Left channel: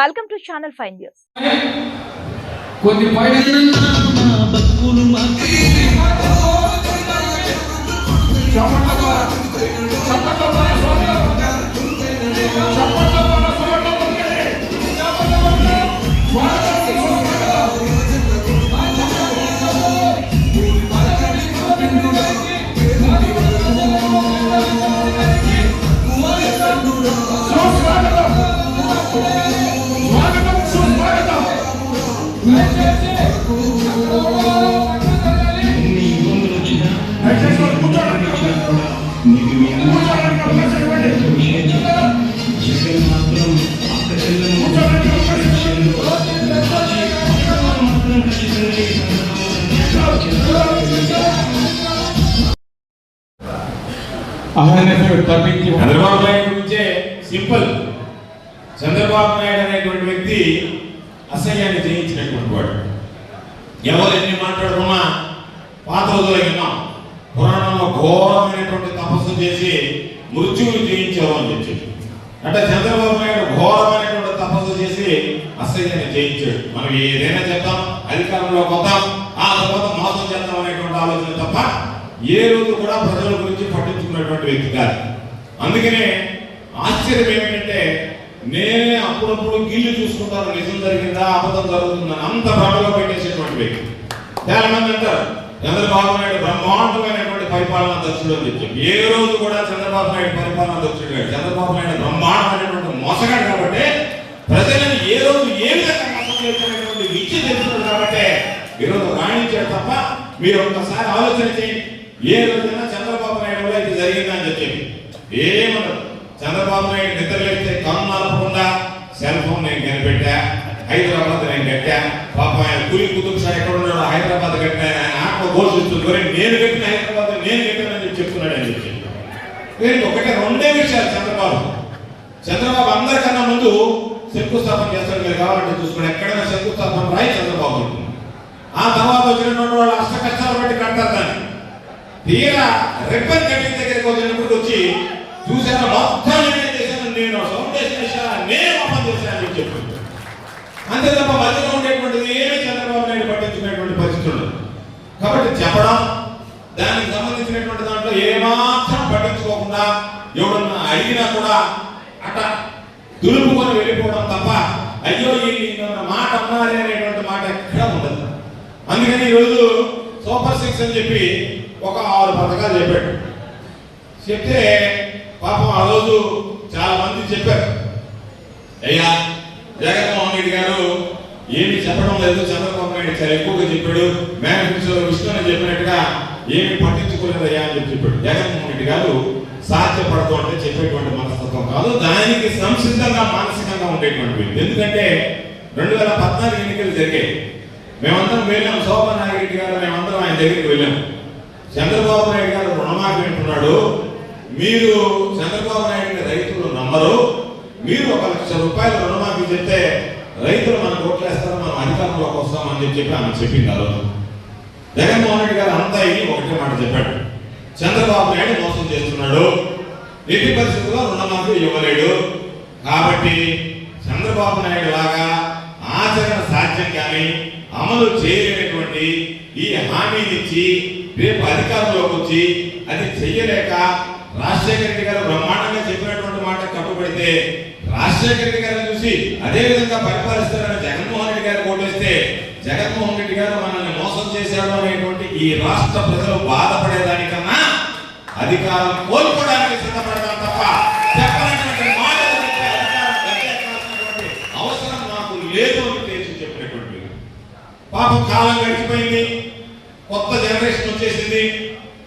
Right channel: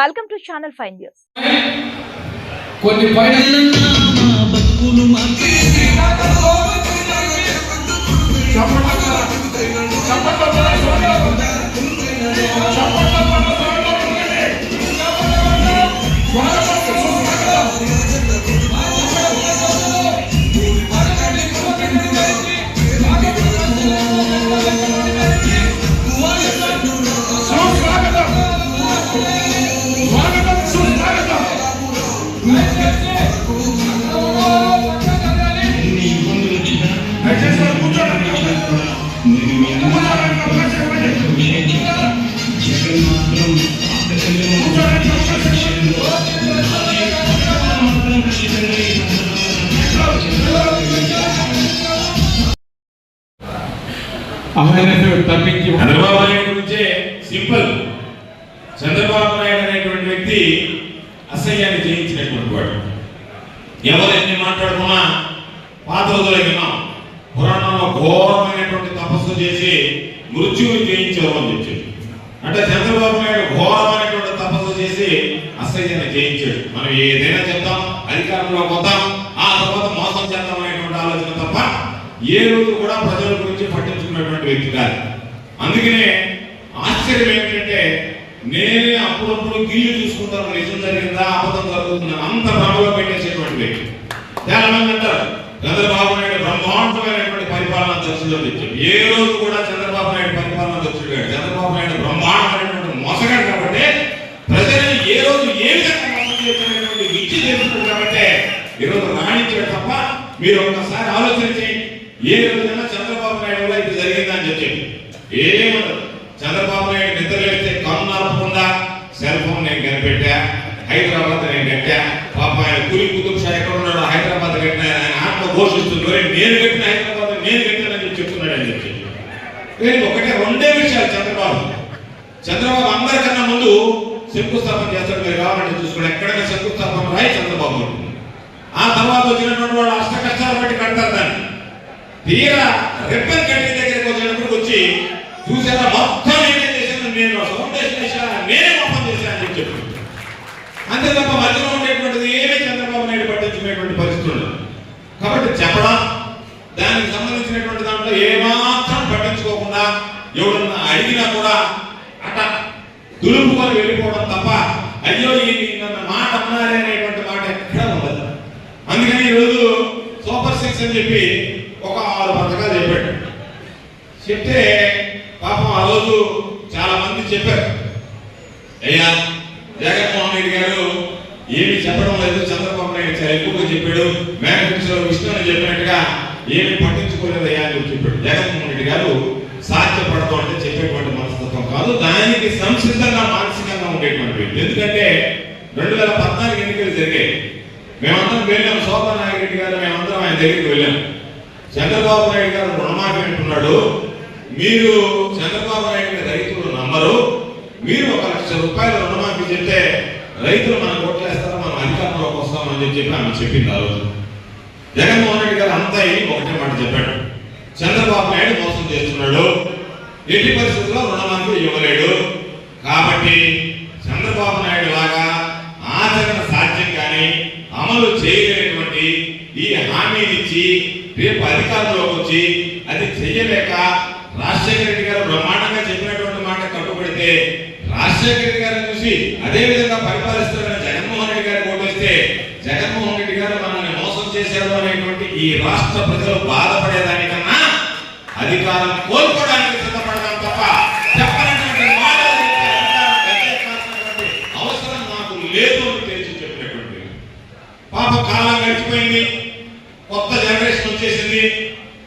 Welcome to Channel 5 News. కొన్ని చంద్రబాబు నాయుడు గురించే simple. Chandrababu Naidu అనేటువంటి వ్యక్తి అసహ్యాన్ని జయించినటువంటి వాడు. ఎవరు ఎన్ని మాట్లాడుకున్నా పాత రోజులు విన్నాం. పురాణంలో ఘోరమైనటువంటి తపస్సు చేసి మృత్యువుని జయించారు అని చెప్పి, అంటే చంద్రబాబు నాయుడు ఘోరమైనటువంటి తపస్సు చేసి అసహ్యాన్ని జయించాడు. మనం ఏదైనా చెప్తాం, అధికారంలో పోతాం, ఆ తర్వాత మోసం చేద్దాం అనేటువంటి ఆలోచన తప్ప ఏ రోజు కూడా ప్రజల గురించి పట్టించుకున్నటువంటి వ్యక్తి కాదు. అందుకనే ఆశ్చర్యం ఏమిటంటే, నేనే అప్పుడప్పుడు గీళ్ళు చూసుకుంటాను, నిజం జరిగిందా అబద్ధం జరుగుతుందా అంత భ్రమలో పెట్టేసేటువంటి వ్యక్తి. చాలా మంది అంటారు చంద్రబాబు నాయుడు బ్రహ్మాండమైనటువంటి పరిపాలన దక్షుడు అని చెప్పి. ఏ రోజు కూడా చంద్రబాబు నాయుడు పరిపాలన దక్షుడు కాదు. చంద్రబాబు నాయుడు బ్రహ్మాండమైనటువంటి మోసగాడు కాబట్టి, ప్రజలను ఏ రోజు ఏ విధంగా మోసం చేసినటువంటి విద్య చేస్తున్నాడు కాబట్టి ఈరోజు రాణించాడు తప్ప. మీరు ఒక్కసారి ఆలోచన చేయండి, ఏ రోజైనా చంద్రబాబు నాయుడు వల్ల ఇది జరిగిందని చెప్పి ఏమన్నది. చంద్రబాబు నాయుడు నిద్రలేస్తే కన్ను ఆపకుండా సెల్ ఫోన్ నేను కనిపెట్టా, హైదరాబాద్ నేను కట్టా, పాప ఆయన కులి కుతుబ్ షా ఎక్కడ ఉన్నాడు, హైదరాబాద్ కట్టినా, ఆయన ఆత్మ ఘోషిస్తున్నారు, నేను కట్టిన హైదరాబాద్ నేను కట్టానని చెప్తున్నాడు అని చెప్పి. ఒకటే రెండే విషయాలు. చంద్రబాబు అందరికన్నా ముందు శంకుస్థాపన చేస్తాడు. మీరు కావాలంటే చూసుకోండి, ఎక్కడైనా శంకుస్థాపన రాయి చంద్రబాబు ఉంటుంది. ఆ తర్వాత వచ్చినటువంటి వాళ్ళు అష్ట కష్టాలు బట్టి కడతారు దాన్ని. తీరా రెబ్బన్ కట్టిన దగ్గరికి వచ్చినప్పుడు వచ్చి చూసాను మొత్తం నేనే చేశాను, నేను ఫౌండేషన్ చేశాను, నేనే మొత్తం చేశాను అని చెప్పి. అంతే తప్ప మధ్యలో ఉండేటువంటిది ఏమీ చంద్రబాబు నాయుడు పట్టించుకునేటువంటి పరిస్థితి ఉండదు. కాబట్టి చెప్పడం, దానికి సంబంధించినటువంటి దాంట్లో ఏమాత్రం పట్టించుకోకుండా ఎవరన్నా అడిగినా కూడా అట్లా దులుపుకొని వెళ్ళిపోవడం తప్ప, అయ్యో ఈ మాట అన్నారే అనేటువంటి మాట ఎక్కడ ఉండదు. అందుకని ఈరోజు సూపర్ 6 అని చెప్పి ఒక 6 పథకాలు చెప్పాడు. చెప్తే పాపం ఆ రోజు చాలా మంది చెప్పారు, అయ్యా జగన్మోహన్ రెడ్డి గారు ఏమి చెప్పడం లేదు, చంద్రబాబు నాయుడు చాలా ఎక్కువగా చెప్పాడు, మేనిఫెస్టోలో విష్ణుని చెప్పినట్టుగా ఏమి పట్టించుకోలేదు అయ్యా అని చెప్పాడు. జగన్మోహన్ రెడ్డి గారు సాధ్యపడదు అంటే చెప్పేటువంటి మనస్తత్వం కాదు, దానికి సంసిద్ధంగా మానసికంగా ఉండేటువంటి వ్యక్తి. ఎందుకంటే 2014 ఎన్నికలు జరిగాయి. మేమందరం వెళ్ళాం, శోభా నాగిరెడ్డి గారు మేమందరం ఆయన దగ్గరికి వెళ్ళాం. చంద్రబాబు నాయుడు గారు రుణమాఫీ అంటున్నాడు, మీరు చంద్రబాబు నాయుడు రైతులు నమ్మరు, మీరు 1 లక్ష రూపాయలు రుణమాఫీ చెప్తే రైతులు మనకు ఓట్లేస్తారు, మనం అధికారంలోకి వస్తామని చెప్పి ఆమె చెప్పింది. ఆ రోజు జగన్మోహన్ రెడ్డి గారు అంతా ఇది ఒకటే మాట చెప్పాడు, చంద్రబాబు నాయుడు మోసం చేస్తున్నాడు, ఎట్టి పరిస్థితుల్లో రుణమాఫీ ఇవ్వలేడు, కాబట్టి చంద్రబాబు నాయుడు లాగా ఆచరణ సాధ్యం కానీ అమలు చేయలేనటువంటి ఈ హామీనిచ్చి రేపు అధికారంలోకి వచ్చి అది చెయ్యలేక రాజశేఖర రెడ్డి గారు బ్రహ్మాండంగా చెప్పినటువంటి మాట కట్టుబడితే, రాజశేఖర రెడ్డి గారిని చూసి అదే విధంగా పరిపాలిస్తారని జగన్మోహన్ రెడ్డి గారు ఓటేస్తే, జగన్మోహన్ రెడ్డి గారు మనల్ని మోసం చేశాడు అనేటువంటి ఈ రాష్ట్ర ప్రజలు బాధపడేదానికన్నా అధికారం కోల్పోవడానికి సిద్ధపడదాం తప్ప చెప్పనటువంటి అవసరం నాకు లేదు అని తెలిసి చెప్పినటువంటి. పాప కాలం గడిచిపోయింది, కొత్త జనరేషన్ వచ్చేసింది.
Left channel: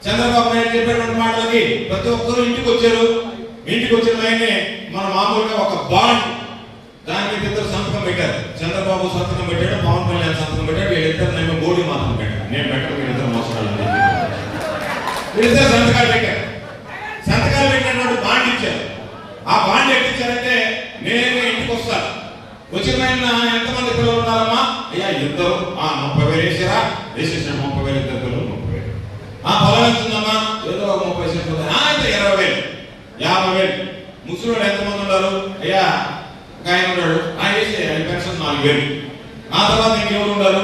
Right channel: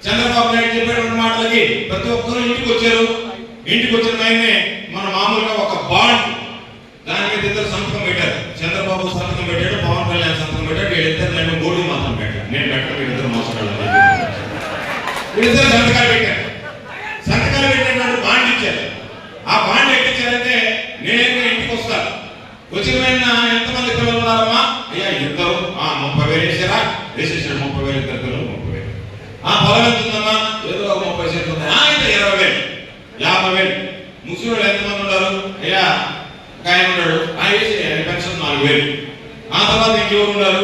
చంద్రబాబు నాయుడు చెప్పేటువంటి మాటలకి ప్రతి ఒక్కరూ ఇంటికి వచ్చారు. ఇంటికి వచ్చిన ఆయనే మన మామూలుగా ఒక బాండ్, దానికి ఇద్దరు సంతకం పెట్టారు. చంద్రబాబు సంతకం పెట్టాడు, పవన్ కళ్యాణ్ సంతకం పెట్టాడు, వీళ్ళిద్దరు నేను మోడీ మాత్రం పెట్టాను, నేను పెట్టాను, వీళ్ళిద్దరు మోసగాళ్ళు. వీళ్ళిద్దరు సంతకాలు పెట్టారు. సంతకాలు పెట్టినటువంటి బాండ్ ఇచ్చారు. ఆ బాండ్ ఎట్టించారంటే, నేను ఇంటికి వస్తాను, వచ్చిన ఎంతమంది పిల్లలు ఉన్నారమ్మా, అయ్యా ఇద్దరు, 30,000 వేసారా, వేసేసిన 30,000, ఇద్దరు పిల్లలు 30,000. పొలం ఎంతుందమ్మా, ఏదో ఒక 30 సెంట్లు, 20,000, 50,000. ముస్లింలు ఎంతమంది ఉన్నారు, అయ్యా ఒక ఆయన ఉన్నాడు, ఆయన వేసి పెన్షన్ 4,000. ఆ తర్వాత ఇంకెవరు ఉన్నారు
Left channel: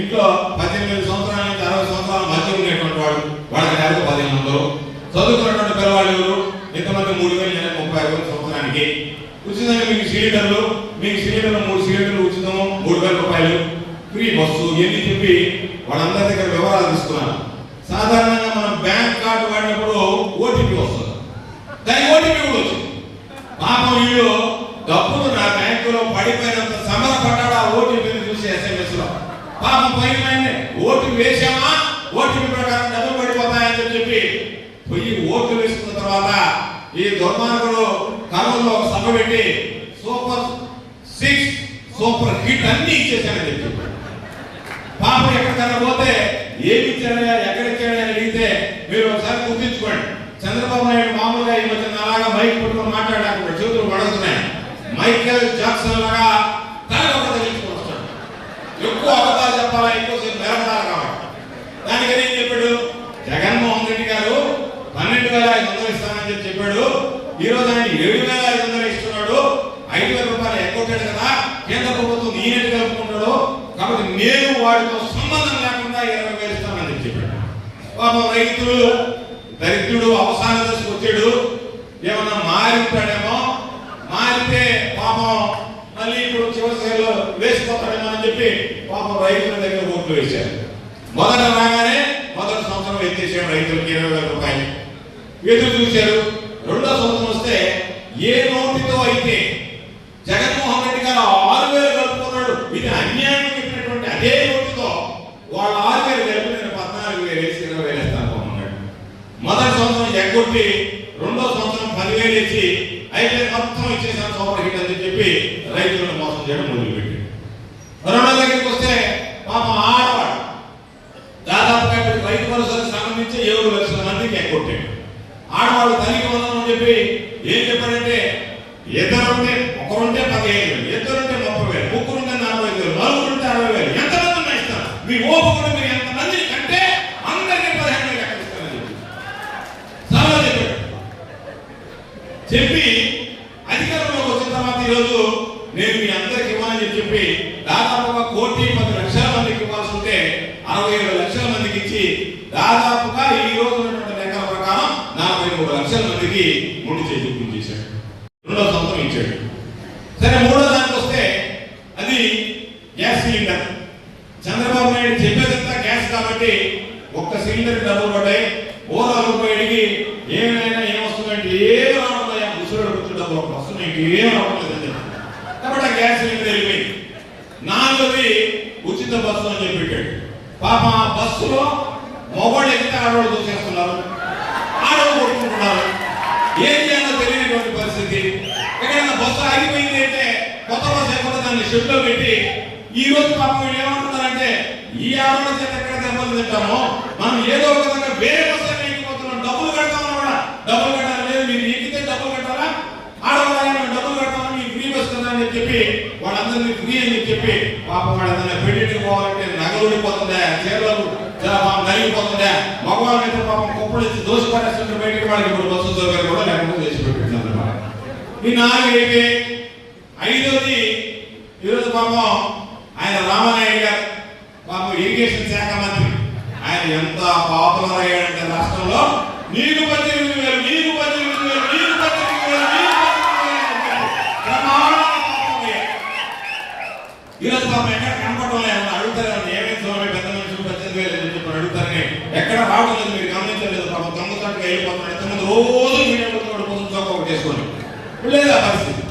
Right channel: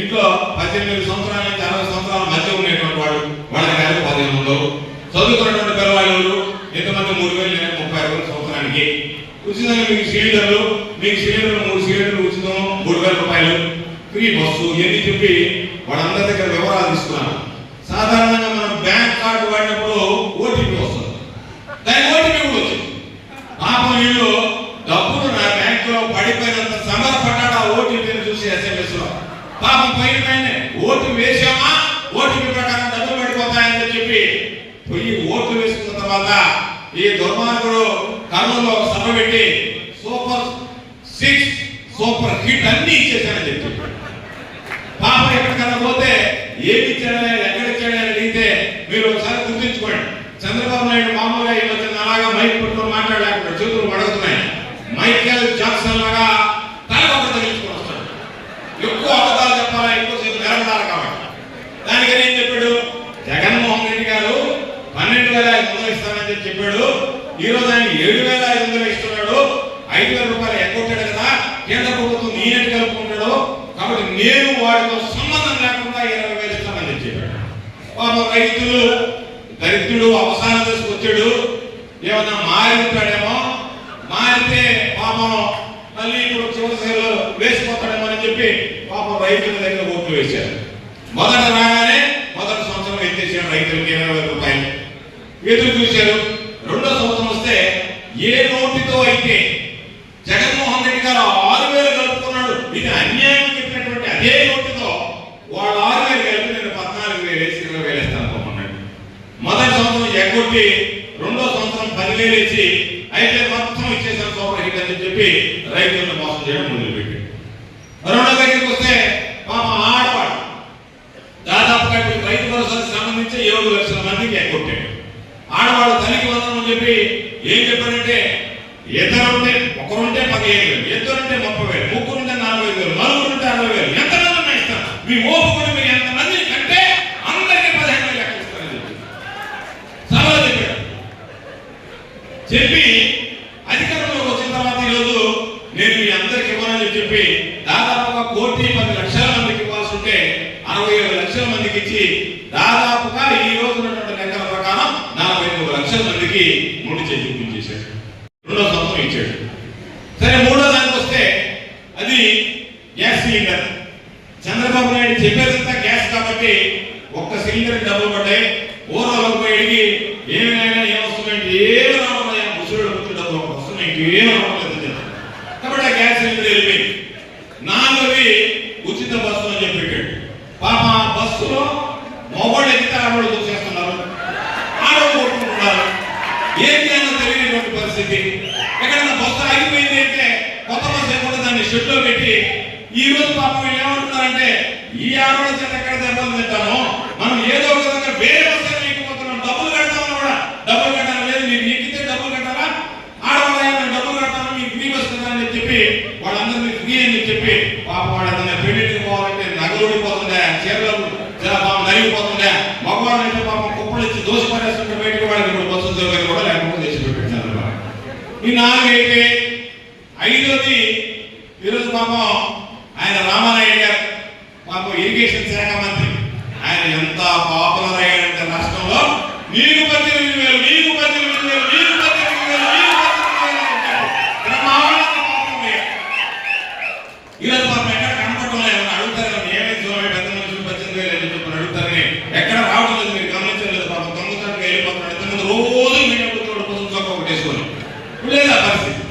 ఇంట్లో 18 సంవత్సరాల నుంచి 60 సంవత్సరాల మధ్య ఉండేటువంటి వాడు, వాళ్ళ గారు 1500. చదువుకున్నటువంటి పిల్లవాళ్ళు ఎంతమంది 3,000 36,000 సంవత్సరానికి. ఉచితంగా మీకు సిలిండర్లు 3 సిలిండర్లు ఉచితం, 3,000 రూపాయలు ఫ్రీ బస్సు ఎన్ని చెప్పి వాళ్ళందరి దగ్గర వివరాలు తీసుకున్నారు. సాధారణంగా మనం బ్యాంక్ కార్డు వాడినప్పుడు ఓటీపీ వస్తుంది, దాని ఓటీపీ కూడా వచ్చింది. పాపం వీళ్ళు డబ్బులు నా బ్యాంకులో పడిపోయినంత సమరపడ్డాడు ఆ ఓటీపీని చూసి SMS లో. పాపం పైన ఓటు వేసామా, ఓటీపీ ప్రకారం డబ్బులు పడిపోతాయని చెప్పి పోయి ఓట్లు వేసుకున్న తర్వాత ఈ దుర్మార్గుడు కర్నూలులో ఒక సభ పెట్టి సూపర్ 6 సూపర్ హిట్ అన్ని ఇచ్చేసానని చెప్పి పాపం ఎక్కడికన్నా పోతే ఏమి ఇచ్చాడని ఎక్కడ ఇచ్చాడని అడిగితే మీరు ఒకసారి గుర్తించుకోండి. చంద్రబాబు నాయుడు మామూలుగా ఈ మధ్య అలాగా మైక్ పట్టుకొని మాట్లాడలేకుండా చేతులు పడుతున్నాయి. మైకేల్ జాక్సన్ లాగా తల ఒక తగిలించుకొని వస్తాడు. ఎక్కువ అబద్ధాలు చెప్పాలా, ఎక్కువసేపు నిలబడాలి కాబట్టి. దానికని ఏం చెప్పాడు, జగన్మోహన్ రెడ్డి గారు 12,500 ఇస్తానని చెప్పాడు. ఈ రోజు ఆయన 7,500 ఇస్తున్నాడు. 5,000 రూపాయలు ఎగ్గొట్టాడు కదా, కేంద్ర ప్రభుత్వం నేనెట్టు కలుపుకుంటాడు, కాబట్టి నేను వాడితో సంబంధం లేకుండా 20,000 ఇస్తానని చెప్పాడు. పాపం రైతులు దరిద్రుడు అవసాన దశకు వచ్చాడు. ఏమన్నా మారి ఉంటాడేమో, మారితే పాపం మళ్ళీ ఇప్పుడు చివరి సేవలు వేసిపోతాడేమో అని చెప్పి పాపం రైతుల దగ్గర ఓట్లు వేశారు. మొదట రాగానే మొదటి సంవత్సరం ఎత్తేసాడు రైతులకి 20,000 రూపాయలు. ఎదురు చూశారు. రెండో సంవత్సరం వస్తే ఏ నోటితో అయితే జగన్మోహన్ రెడ్డి గారు 6,000 కలుపుకున్నాడు, ఇది అన్యాయం చెప్పినటువంటి అదే నోటితో వాళ్ళు 6,000 కలిపి నేను 14,000 వేసి 20,000 ఇస్తాను అనుకున్నాడు. మొదటి సంవత్సరం ఎగ్గొట్టి రెండో సంవత్సరం 10,000 వేసి అయితే మొత్తం ఇచ్చేసాను సూపర్ హిట్ అని చెప్పి రైతులను మోసం చేయడం మొదలుపెట్టాడు. రెండో దగ్గరికి వస్తే పాప ఆడవాడు దాదాపుగా రైతు భరోసాకు సంబంధించి 7 లక్షల మందికి ఎగ్గొట్టాడు. ఆడవాడు తల్లికి వందనం అని చెప్పి ఏం చెప్పారంటే, ఇద్దరుంటే ఒకరుంటే 15,000, ఇద్దరుంటే 30,000, ముగ్గురుంటే 40,000, నలుగురుంటే 60,000, ఎంతమంది ఉన్నా ఇస్తాను, మీ ఓపుకుని మీరు ఎంతమందిని కంటే అందరికీ 15,000 లెక్క ఇస్తానని చెప్పి సభలో చెప్పాడు. చెప్పి అధికారంలోకి వచ్చిన తర్వాత ఈరోజు నేను మీ అందరికి ఇవ్వాలని చెప్పి దాదాపుగా 1,10,00,000 మందికి ఇవ్వాల్సి ఉంటే 67 లక్షల మందికి ఇచ్చి దాదాపుగా ఈ రోజు ఉన్నటువంటి లెక్కల ప్రకారం 43 లక్షల మందికి ముడి చేయించేశాడు. రెండో సంవత్సరం ఇచ్చాడు. సరే మూడో దానికి వస్తే అది గ్యాస్ సిలిండర్. చంద్రబాబు నాయుడు చెప్పేదంతా గ్యాస్ కాబట్టి ఒక్క సిలిండర్ డబ్బులు పడ్డాయి. ఊరలోకి అడిగి ఏమైనా ఏమొస్తుందంటే ఏమి రావట్లే, ముసలి వచ్చి డబ్బులు ఒకటి వస్తున్నాయి, ఇంకేం రావట్లేదు కాబట్టి ఆ గ్యాస్ సిలిండర్ వెళ్ళిపోయింది. నాలుగోది ఉచిత బస్సు అని చెప్పి పెట్టాడు. పాప ఆ బస్సులో మొబైల్ ఎక్కితే ఆడవాళ్ళు చూసేస్తున్నారు, ఆడవాళ్ళు కొట్టుకుంటున్నారు. ఏం చేయాలో తెలియనటువంటి పరిస్థితి. ఎక్కడైనా బస్సు ఆగిపోయింది అంటే కొత్త బస్సు ఎక్కడ దాన్ని షెడ్లో పెట్టి ఈ రోజు పాపం వీళ్ళు ఏమంటున్నారంటే, ఈ ఆడవాళ్ళ చేత ఎక్కడ దెబ్బలు తింటామో మనం ఏదో ఒక విధంగా వేరే బస్సు ఎక్కిపోతున్నాం, డబ్బులు కడతామని కూడా డబ్బులు కట్టాలి లేదు, మీరు ఎక్కితే డబ్బులు కట్టాలా, ఆడవాళ్ళు డబ్బులు కట్టాలి, మీకు ఫ్రీ బస్ కదా అని చెప్పి వాళ్ళందరినీ ఫ్రీ అని చెప్పి పాపం వాడు ఏదైనా పెళ్లికి పోవాలంటే నగలు ఊడిపోతుందా, చీరలు నలిగిపోతుందా, మగవాళ్ళు అయితే పాపం కుప్పలు ఇచ్చి దోషి పడేస్తుంటే బయటకు వాళ్ళకి ఇప్పుడు బస్సు సౌకర్యం కూడా లేకుండా చేసి పెట్టారు. ఈ 4 అయితే 5వది ఈరోజు పాపం ఆయన రామానాయుడు గారు పాపం ఇరిగేషన్ శాఖ మంత్రి. ఆయన ఎంత పాపులర్ అయ్యాడంటే రాష్ట్రంలో నీకు 18,000, నీకు 18,000, నీకు 18,000, నీకు 18,000 ప్రమాణంగా పాపం అయ్యాడు. ఈరోజు పాపం ఎక్కడ కనపడటం లేదు. అడుగుతారు ఏమైంది స్వామి పెద్ద మనుషులు 18,000 అని చెప్పి అడుగుతారని ఎక్కడ రావడం లేదు, మీరు గమనించలేదు. పాపం దొంగతట్టుగా వెళ్ళిపోతున్నాడు. ఇంతకుముందు రోజు మీడియా కూర్చోడు కోసం చొక్క ఒకటేసుకొని లేదా పరిస్థితి.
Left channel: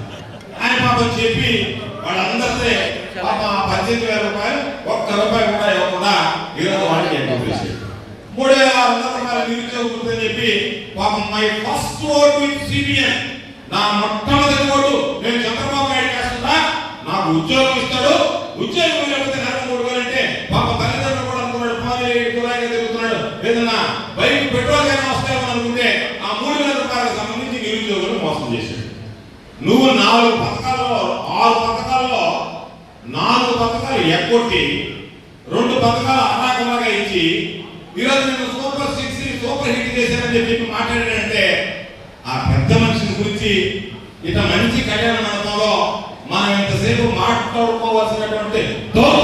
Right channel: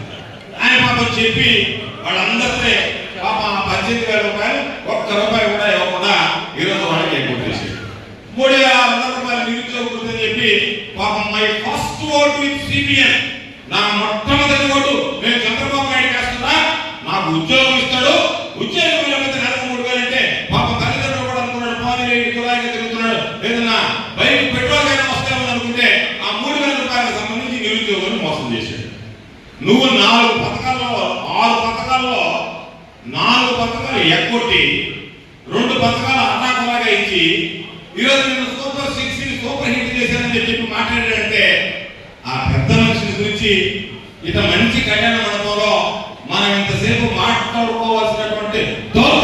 ఆయన పాపం చెప్పి వాళ్ళందరితో పాపం 18,000 రూపాయలు ఒక్క రూపాయి కూడా ఇవ్వకుండా ఈరోజు వాళ్ళకి ఎక్కువ చేశాడు. 3,600 రూపాయలు నిరుద్యోగ వృత్తి అని చెప్పి పాపం my first vote with CBN, నా మొట్టమొదటి ఓటు నేను చంద్రబాబు నాయుడు చేస్తున్నా, నాకు ఉద్యోగం ఇస్తాడు, ఉద్యోగం లేకపోతే నెలకు 3,000 అంటే పాపం తల్లిదండ్రులు కూడా అనుకున్నాడు, పాది తులాగా తిరుగుతున్నాడు, ఏదన్నా బైక్ పెట్రోల్ అయినా వస్తామని అనుకుంటే ఆ 3,000 రూపాయలకు సంబంధించి నిరుద్యోగులు మోసం చేశాడు. నువ్వు 4 పథకాల్లో 6 పథకాల్లో 4 పథకాలు ఎగ్గొట్టి 2 పథకాలు అర్రాకులాగా ఇచ్చి ఈరోజు నేను సూపర్ 6 సూపర్ హిట్ చేశానని చెప్పి మాట్లాడాడంటే ఆ పెద్ద మనిషిని గురించి ఇత మంచి కళ్యాణ మండపంలో మనం ఇంతసేపు మాట్లాడుకోవాల్సినటువంటి దౌర్భాగ్యం